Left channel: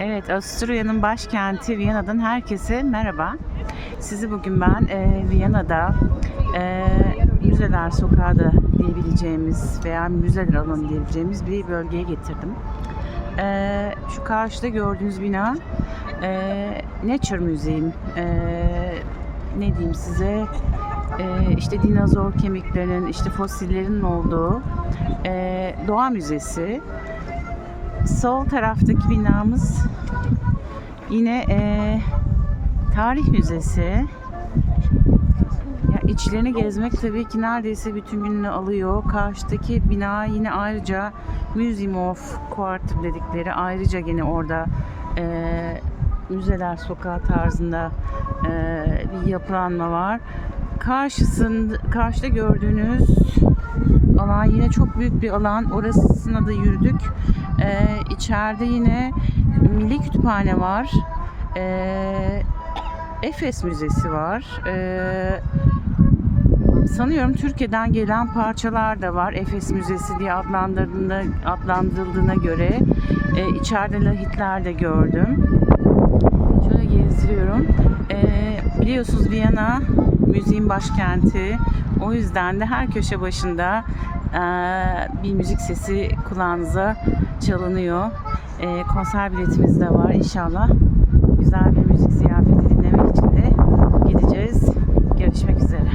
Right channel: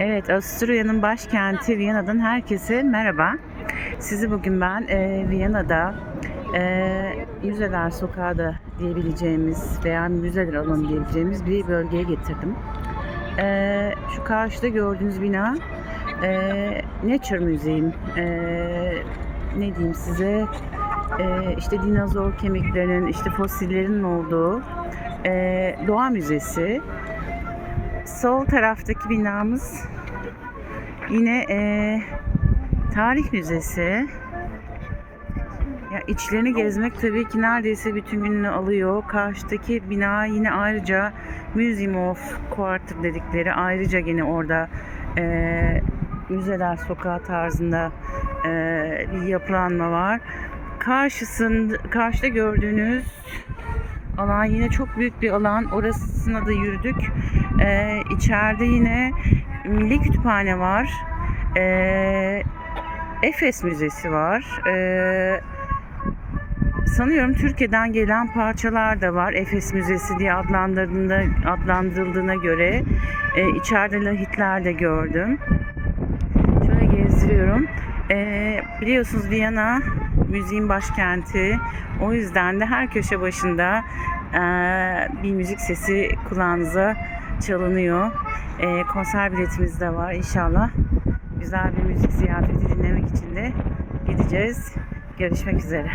Evet, Avusturya'nın başkenti Viyana'dan herkese merhaba. Sizi bugün ben e, Viyana'da e, Müzeler Sokağı da diyebileceğimiz veya müzeler alanı diyebileceğimiz bir bölgeye getirdim. E, şu karşıda gördüğünüz bina e, Nature Museum. E, ne diyeyim size? E, işte dinozor kemiklerinin, işte fosillerin olduğu e, doğa müzesi. Sol taraftaki binamız yine eee, tarih müzesi. Ya içlerini gezmek tabii ki neredeyse bütün gününü alıyor. Karşıdaki bina yine ayrıca Museum of Quarter dedikleri ayrıca yine orada eee, müzeler sokağı tarzında eee, bir yapılanma var. Karşısında karşıda gördüğünüz alan yine çok büyük bir alan. Orasına da yürüdük. Ee, içeride yine Milli Kütüphane var. Ee, Efes Müzesi var. Ee, sanıyorum Türkiye'den gelen parçalar da var. Efes Müzesi diye adlandırıldığına, adlandırıldığına göre. Ee, içeride lahitler de gördüm. Şöyle gezdiriyorum. Ee, biliyorsunuz Viyana müziğin başkenti. O yüzden de her köşe başında bir müzik sesi kulağınıza çalınıyor. Eee, konser biletimiz de var inşallah. Güzel bir müzik ziyafeti dinlemek için de gideceğiz. Görüşmek üzere.